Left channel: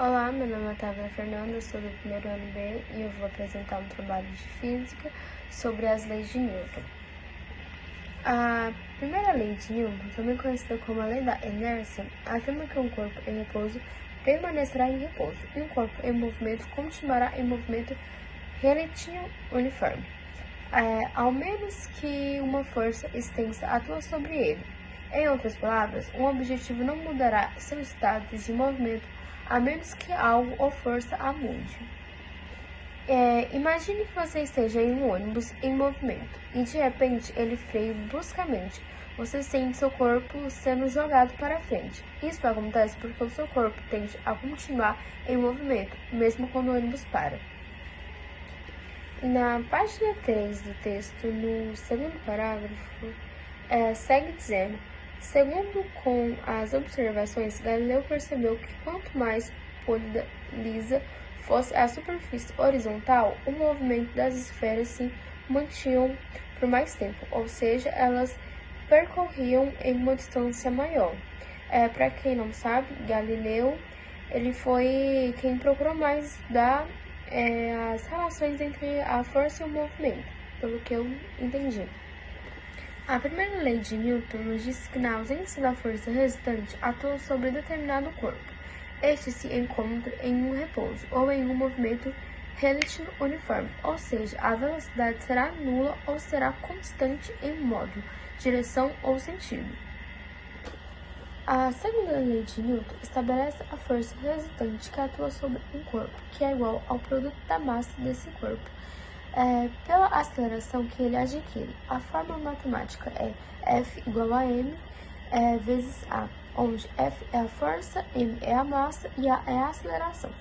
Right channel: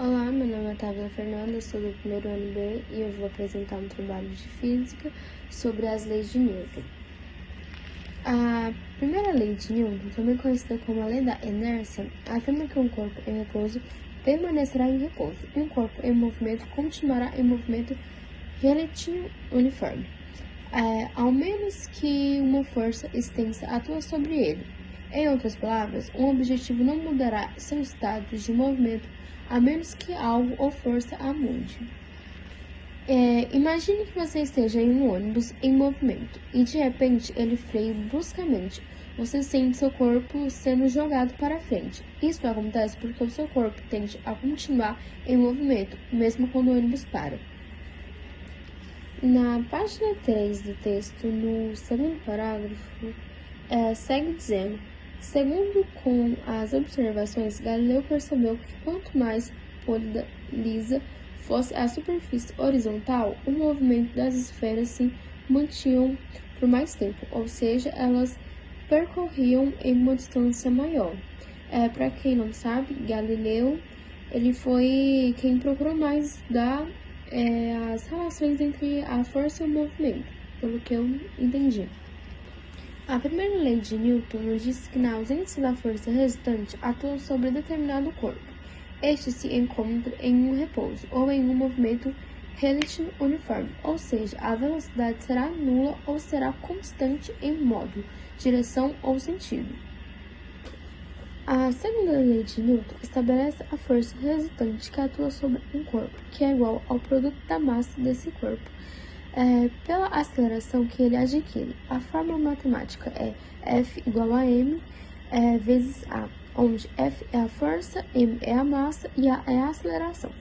Olá, meu nome é Otávia Fernanda, sou do primeiro ano B e eu vou apresentar um trabalho de física sobre as leis de Newton. A primeira lei de Newton, também conhecida como a lei da inércia, afirma que um corpo em repouso permanecerá em repouso e um corpo em movimento continuará em movimento retilíneo uniforme, ao menos que uma força extensa atue sobre ele. Em outras palavras, um objetivo não mudará seu estado de movimento a menos que algo ou força a mude. Imagine que você esteja em um ônibus em movimento e de repente ele freia bruscamente. Você sente seu corpo sendo jogado para frente. Isso acontece porque o seu corpo tende a continuar em movimento, mesmo quando o ônibus para. Na página 3 do texto, no segundo parágrafo, segue dizendo: segundo com as observações, Galileu percebeu que quanto mais pólida, lisa fosse a superfície horizontal, o movimento das esferas se mantinham por mais tempo, ou seja, elas percorriam em uma distância maior. Para quem não sabe, Galileu ele foi quem procurou mais estudar as relações entre a força e o movimento, pelo que eu entendi. A primeira lei de Newton nos diz que na ausência da força resultante atua sobre determinado corpo. Este se encontra em um repouso ou em um movimento retilíneo uniforme, ou seja, a velocidade será nula ou será constante em módulo, direção ou sentido. A segunda lei de Newton estabelece a força resultante que atua sobre um corpo, que é igual ao produto da massa desse corpo, pela aceleração que ele adquire. A fórmula matemática é F igual a M vezes A, onde F é a força, M é a massa e A é a aceleração.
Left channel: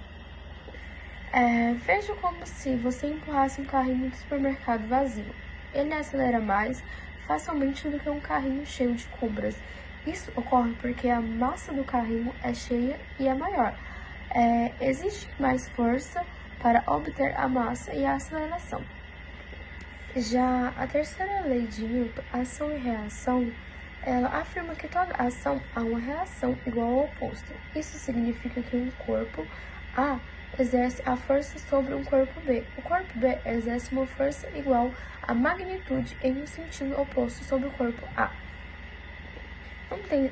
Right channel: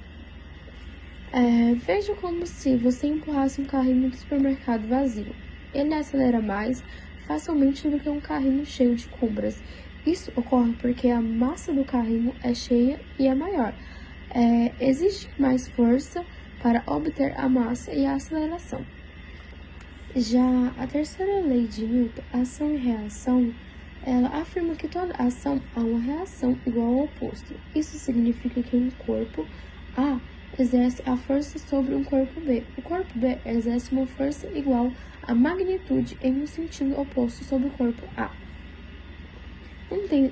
Veja como se você empurrasse um carrinho do supermercado vazio. Ele acelera mais facilmente do que um carrinho cheio de compras. Isso ocorre porque a massa do carrinho é cheia e é maior. Existe mais força para obter a massa e a aceleração. Já a terceira lei de Newton, ação e reação, ela afirma que toda ação há uma reação igual ao oposto. Isso significa que um corpo A exerce a força sobre um corpo B. O corpo B exerce uma força igual à magnitude em um sentido oposto sobre o corpo A.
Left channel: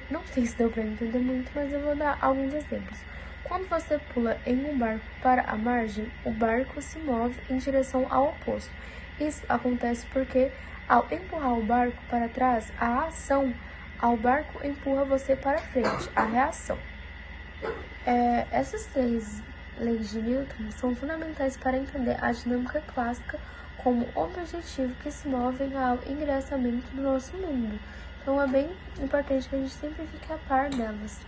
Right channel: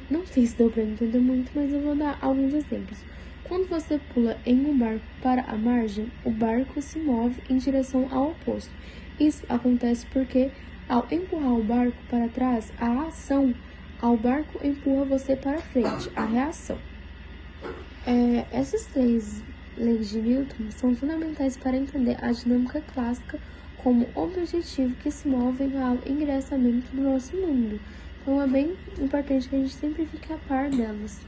Não sei se deu para entender muito, mas eu vou dar alguns exemplos. Quando você pula em um barco para a margem, o barco se move em direção ao oposto. Isso acontece porque, ao empurrar o barco para trás, a ação ao barco empurra você para frente, a reação. Essas três leis de Newton são fundamentais para entender a dinâmica clássica como objetivo que se move ao ingressamento do nosso mundo. Então, é bem importante que a gente sempre fique a par delas.